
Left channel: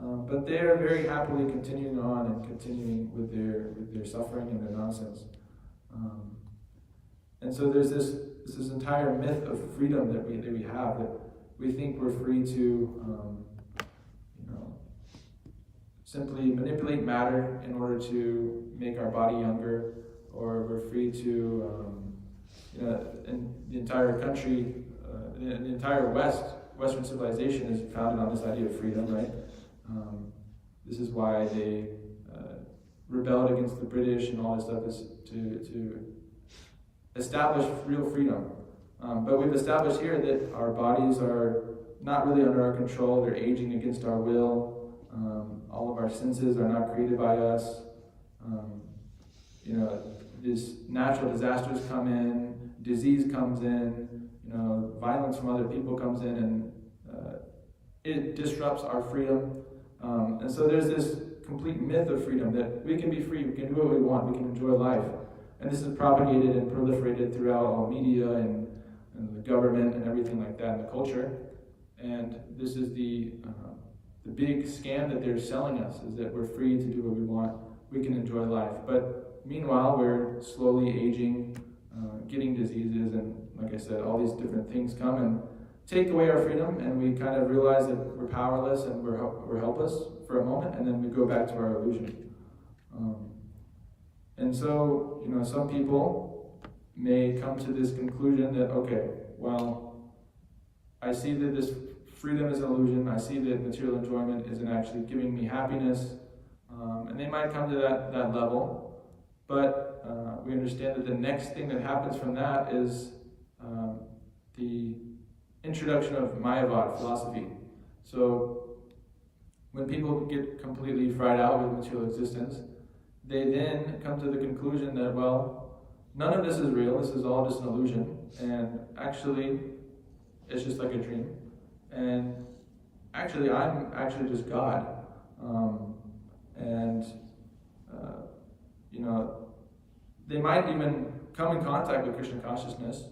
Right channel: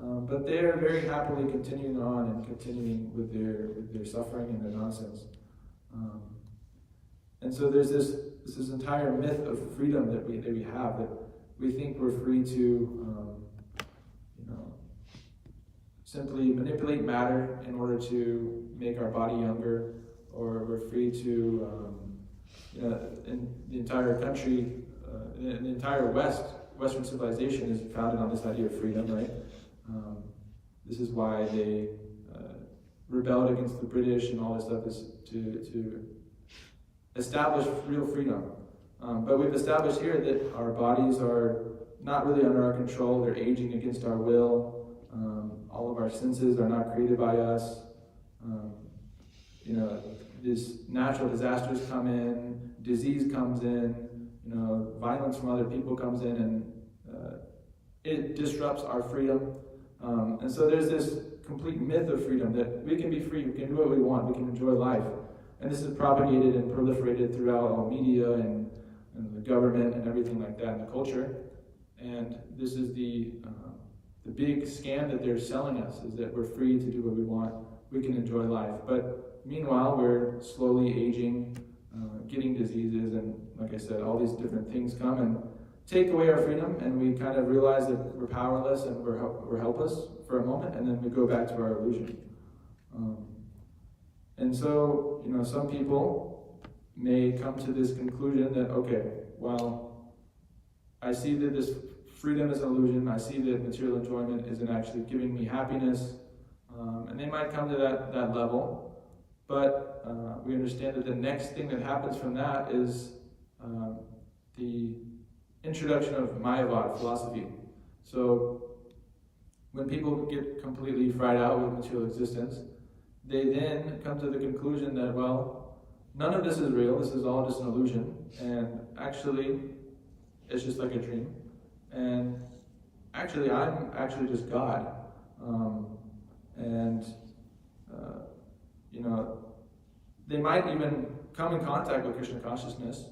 But they are very happily continuing on and continuing with their suffering and their nonsense. And so there's this entire myth of freedom that we have, that we think we're free to, you know, simply manipulate matter in order to make our body younger, or we're free to, you know, in the entire country, the entire Western civilization is founded on this idea of freedom, right? This is why they rebelled against the British and all this stuff, is to establish real freedom. But we've established here that our bodies are not really under our control. They're aging against our will. All of our senses are not created by us. You know, these natural disasters come in, disease comes in, you know, violence from other people comes in, and it disrupts our freedom. And so there's this complete myth of freedom, that we can be free, we can do what we want, we can enjoy life. And this is propagated and proliferated throughout all media and the government and everything like that in the culture. And this is the big scam that they're selling us, is that we're free to do what we want, we can enjoy life. But meanwhile, we're slowly aging, getting diseases, and like I said, all these different things come and take away our freedom, and we kind of realize that we're powerless and we're helpless for a moment, and then we go back to our illusion. And so, you know, some people may come to this conclusion that, okay, well, I see that this freedom is an illusion, I see that material enjoyment isn't actually giving me happiness, and they might come to that level, but we understand that the next thing that happens from that is the introduction of Mayavad philosophy. So when people get completely fried out with material existence, they then come to the conclusion that, well, none of this is real, this is all just an illusion, and actually it's just like a dream, and actually I'm actually just God. They might even come in contact with Krishna consciousness.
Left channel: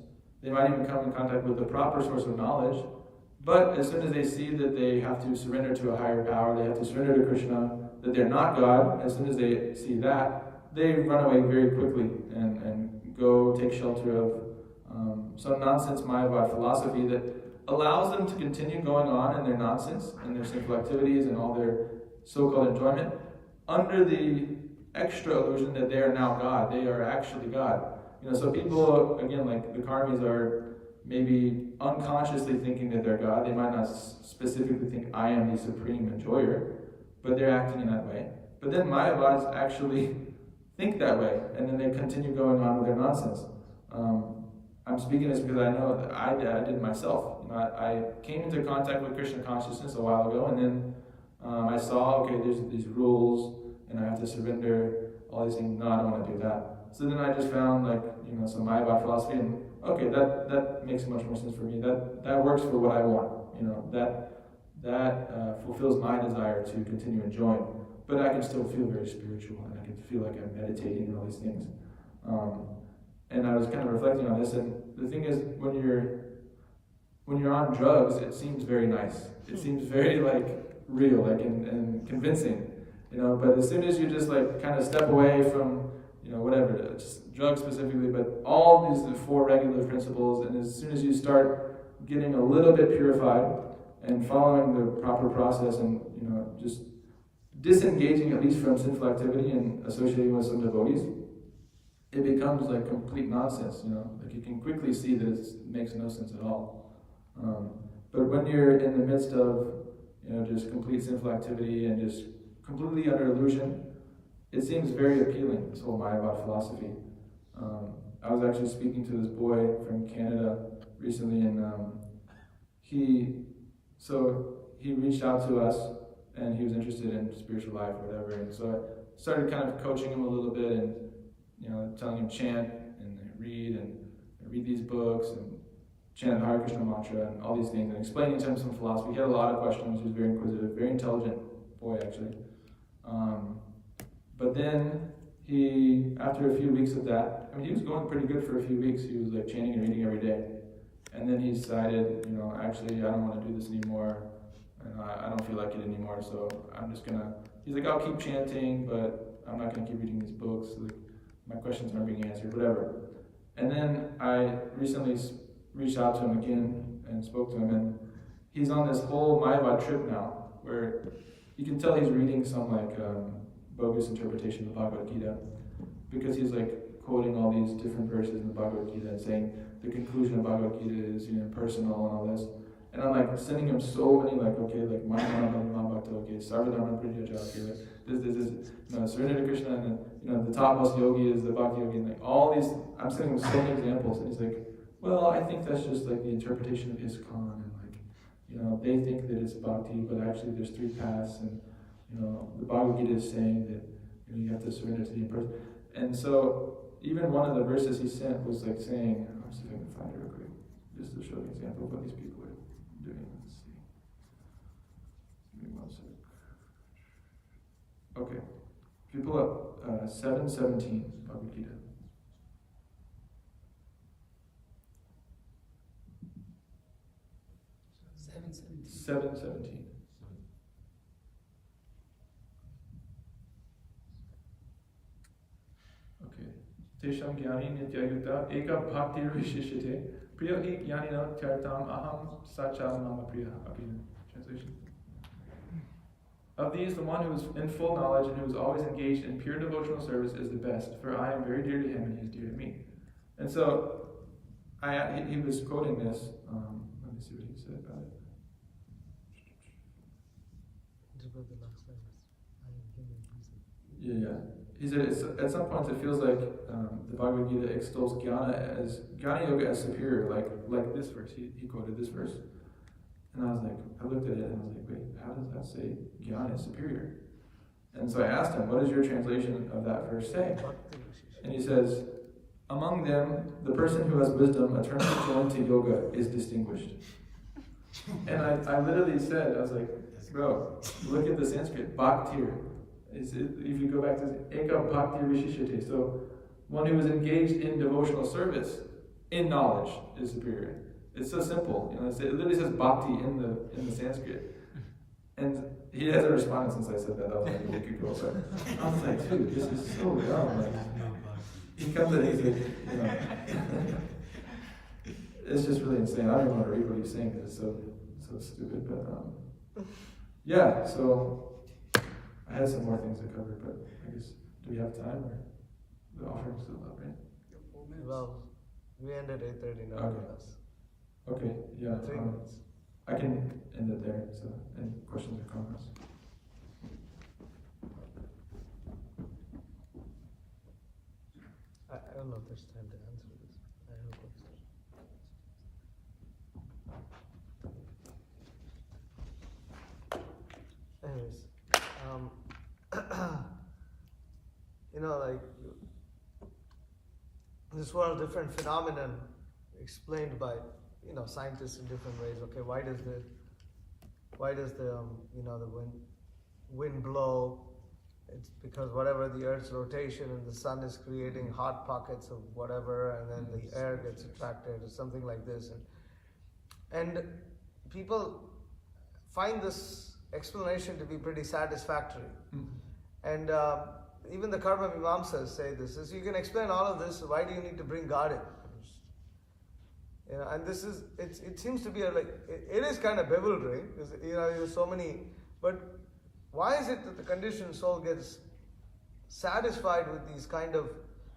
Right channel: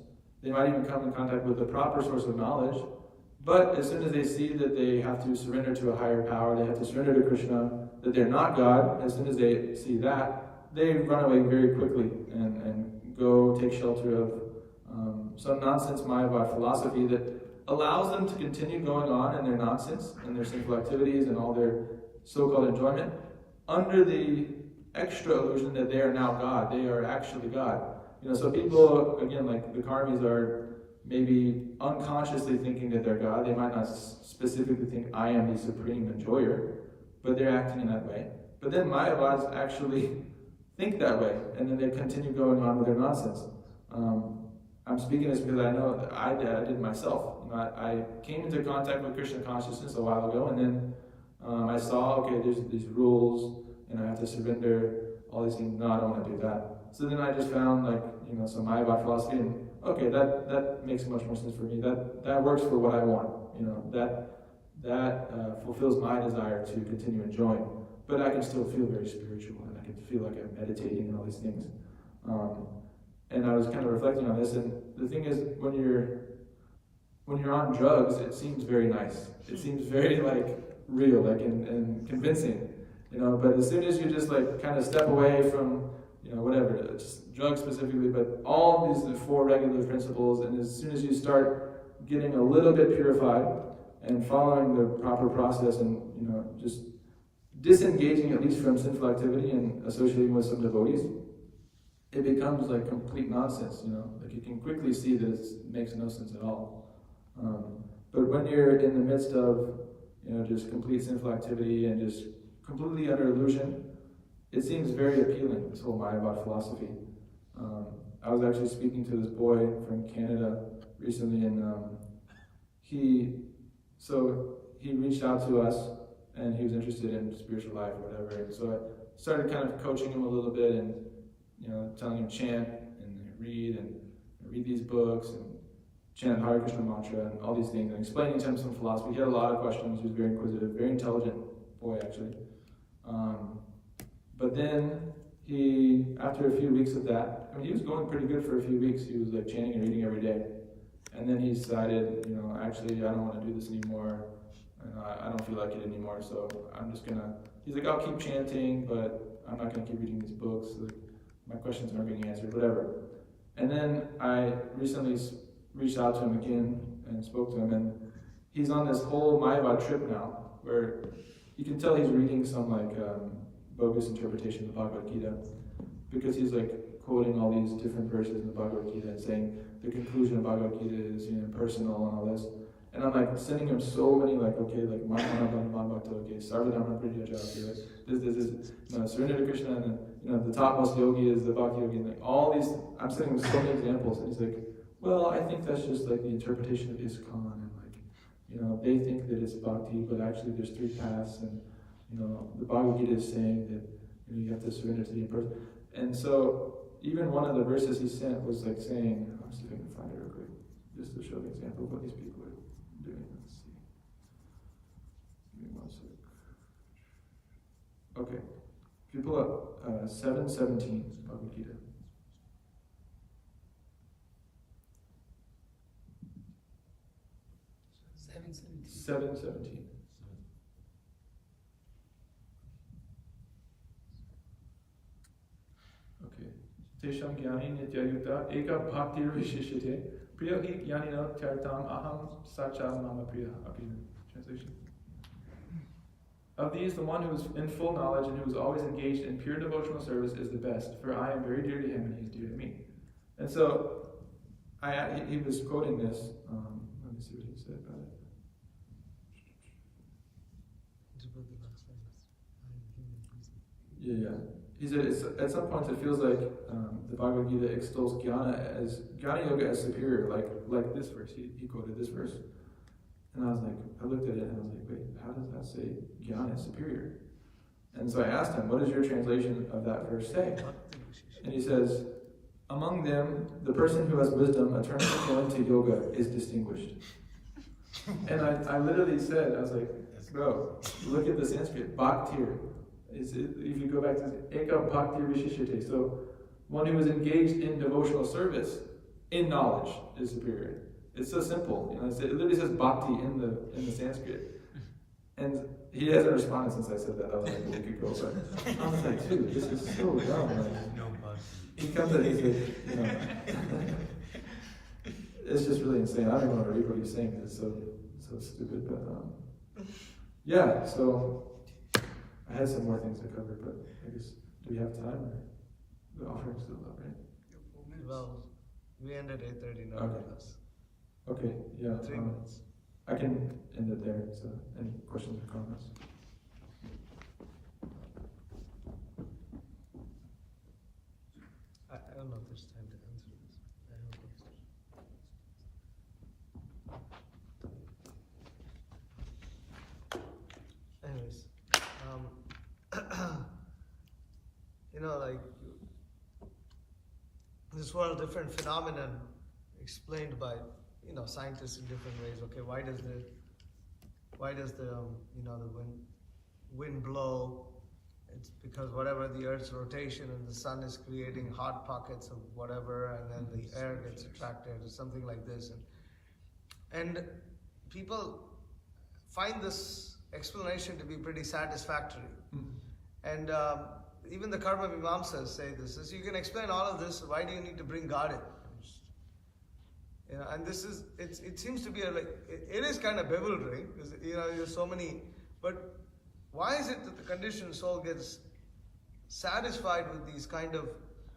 They might even come in contact with the proper source of knowledge. But as soon as they see that they have to surrender to a higher power, they have to surrender to Krishna, that they're not God, as soon as they see that, they run away very quickly and go take shelter of some nonsense Mayavad philosophy that allows them to continue going on in their nonsense and their sinful activities and all their so-called enjoyment under the extra illusion that they are now God. They are actually God. So people, again, like the karmis, are maybe unconsciously thinking that they're God. They might not specifically think, I am the supreme enjoyer, but they're acting in that way. But then Mayavads actually think that way, and then they continue going on with their nonsense. I'm speaking this because I know that I did myself. I came into contact with Krishna consciousness a while ago, and then I saw, okay, there's these rules, and I have to surrender, all these things. No, I don't want to do that. So then I just found some Mayavad philosophy, and okay, that makes much more sense for me. That works for what I want. That fulfills my desire to continue enjoying. But I can still feel very spiritual, and I can feel like I'm meditating and all these things. And I was kind of reflecting on this, and the thing is, when you're on drugs, it seems very nice. It seems very real, and convincing, But as soon as you just kind of step away from whatever, just drugs specifically, but all these 4 regular principles, and as soon as you start getting a little bit purified and following the proper process, and just disengaging at least from sinful activity and associating with some devotees, it becomes complete nonsense. You can quickly see that it makes no sense at all. But when you're in the midst of just complete sinful activity and just completely under illusion, it seems very appealing, this whole Mayavad philosophy. I was actually speaking to this boy from Canada recently, and he reached out to us, and he was interested in spiritual life or whatever. And so I started kind of coaching him a little bit, and telling him chant and read these books and chant the Hare Krishna mantra and all these things, and explaining to him some philosophy. He had a lot of questions. He was very inquisitive, very intelligent boy actually. But then after a few weeks of that, he was going pretty good for a few weeks. He was chanting and reading every day. And then he decided, actually, I don't want to do this anymore, and I don't feel like it anymore, so I'm just he's like, I'll keep chanting, but I'm not going to keep reading these books. My questions aren't being answered, whatever. And then I recently reached out to him again and spoke to him, and he's on this whole Mayavad trip now, where you can tell he's reading some bogus interpretation of the Bhagavad Gita, because he's quoting all these different verses in the Bhagavad Gita and saying the conclusion of Bhagavad Gita is impersonal and all this. And I'm sending him so many Sarvadharma Prityaja, this, surrender to Krishna, and then the topmost yogi is the Bhakti yogi, and all these, I'm sending him so many examples, and he's like, well, I think that's just the interpretation of ISKCON, and they think that it's Bhakti, but actually there's 3 paths, and the Bhagavad Gita is saying that you have to surrender to the person. And so even one of the verses he sent was saying, I'm just going to find it real quick, just to show the example of what these people are doing. Let's see. Give me 1 sec. Okay. If you pull up 7:17, Bhagavad Gita. Seven seventeen. Okay. Tesham gyani nityayukta eka bhaktir vishishyate priya hi jnanino tyartam aham sacha mama priya. Okay, translation. Of these, the one who is in full knowledge and who is always engaged in pure devotional service is the best, for I am very dear to him and he is dear to me. And so, he was quoting this. Let me see what he said about it. Yeah. he said at some points it feels like the Bhagavad Gita extols Jnana Yoga as superior, like this verse. He quoted this verse. And I was like, I looked at it and I was like, wait, how does that say Jnana is superior? And so I asked him, what does your translation of that verse say? And he says, among them, the person who has wisdom, a turn to yoga, is distinguished. And I literally said, I was like, bro, look at the Sanskrit, bhaktir. If you go back to eka bhaktir vishishate, so one who is engaged in devotional service, in knowledge, is superior. It's so simple. You know, it literally says bhakti in the Sanskrit. And he hasn't responded since I said that. That was like a week ago. But I was like, dude, this is so dumb. Like, he comes and he's like, you know, it's just really insane. I don't even want to read what he's saying because it's so stupid. But yeah, so I had some more things to cover, but I guess, do we have time or the offering's still up, right? Well, we ended 8:30 now. Okay, yeah. 3 minutes. I can end it there. So, any questions or comments? I don't know if there's time to answer this. I don't know. Anyways, you know, like this world, different phenomenon explained by, you know, scientists in different ways. Okay, why does the you know, the wind blow? It's because whatever the Earth's rotation and the sun is creating hot pockets of whatever, and then the air gets attracted or something like this. And people find this explanation to be pretty satisfactory. And even the Karma Mimamsas say this: is you can explain all of this, why do you need to bring God in? You know, and this is, it seems to be it is kind of bewildering, because, you know, there's so many, but why is it that the conditioned soul gets satisfied with these kind of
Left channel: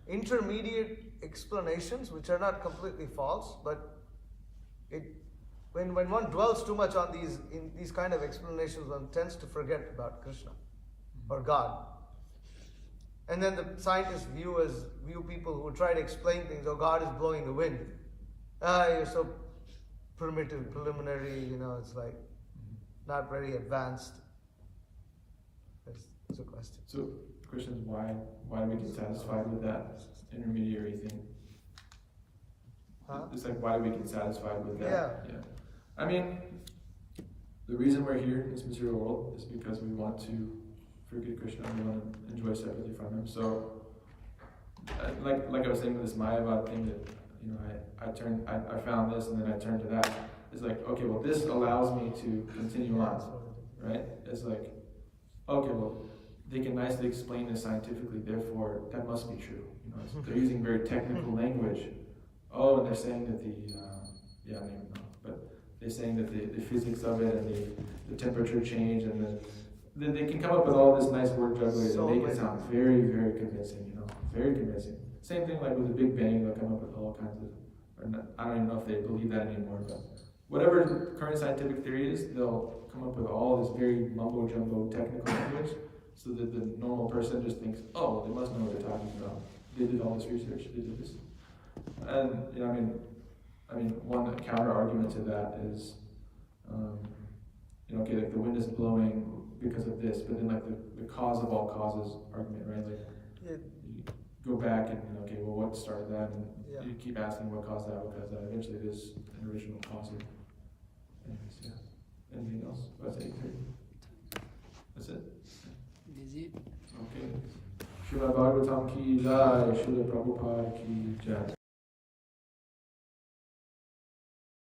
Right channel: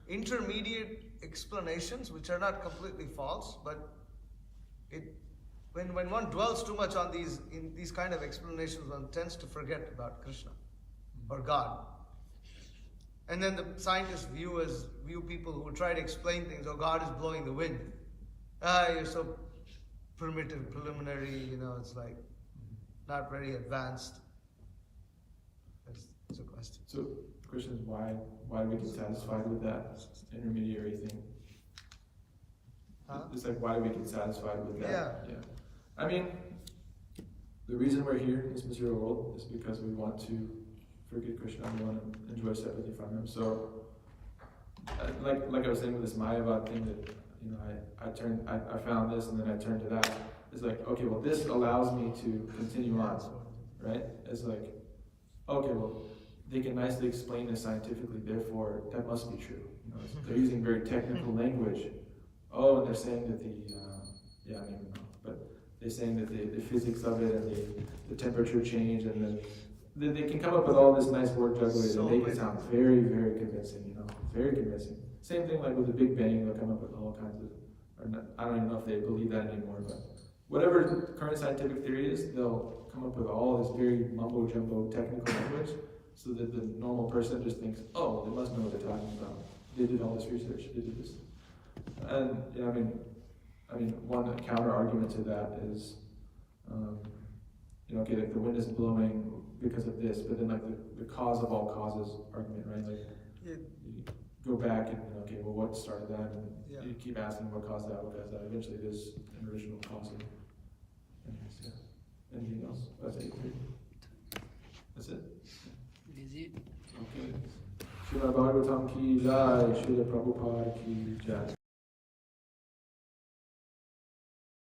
intermediate explanations, which are not completely false, but when one dwells too much on these kind of explanations, one tends to forget about Krishna or God. And then the scientists view people who try to explain things, oh, God is blowing the wind. You're so primitive, preliminary, you know, it's like not very advanced. That's a question. So the question is why do we get satisfied with that intermediary thing? It's like, why do we get satisfied with that? Yeah. I mean, the reason we're here in this material world is because we want to forget Krishna, we want to enjoy separately from him. So, like I was saying with this Mayavad thing, that, you know, I found this and then I turned to that. It's like, okay, well, this allows me to continue on, right? It's like, okay, well, they can nicely explain this scientifically, therefore that must be true. You know, they're using very technical language. Oh, and they're saying that I don't even know, but they're saying that the physics of it and the temperature change, and they can come up with all this nice word jugglery to make it sound very, very convincing, you know, very convincing. Same thing like with the Big Bang, they'll come up with all kinds of, I don't even know if they believe that anymore, but whatever the current scientific theory is, they'll come up with all this very mumbo-jumbo technical language, so that the normal person just thinks, oh, they must know what they're talking about. They did all this research, they did this. And, you know, I mean, one counter argument to that is, you know, okay, like the wind is blowing because of this, but then like the cause of all causes argument, right? Like, you go back and, okay, well, what started that? And you keep asking what caused that, eventually there's an original cause of it. Anyways, yeah. Anything else? That's it. That's it. Is it? Okay. Srila Bhagavatam ki jai, Srila Prabhupada ki jai.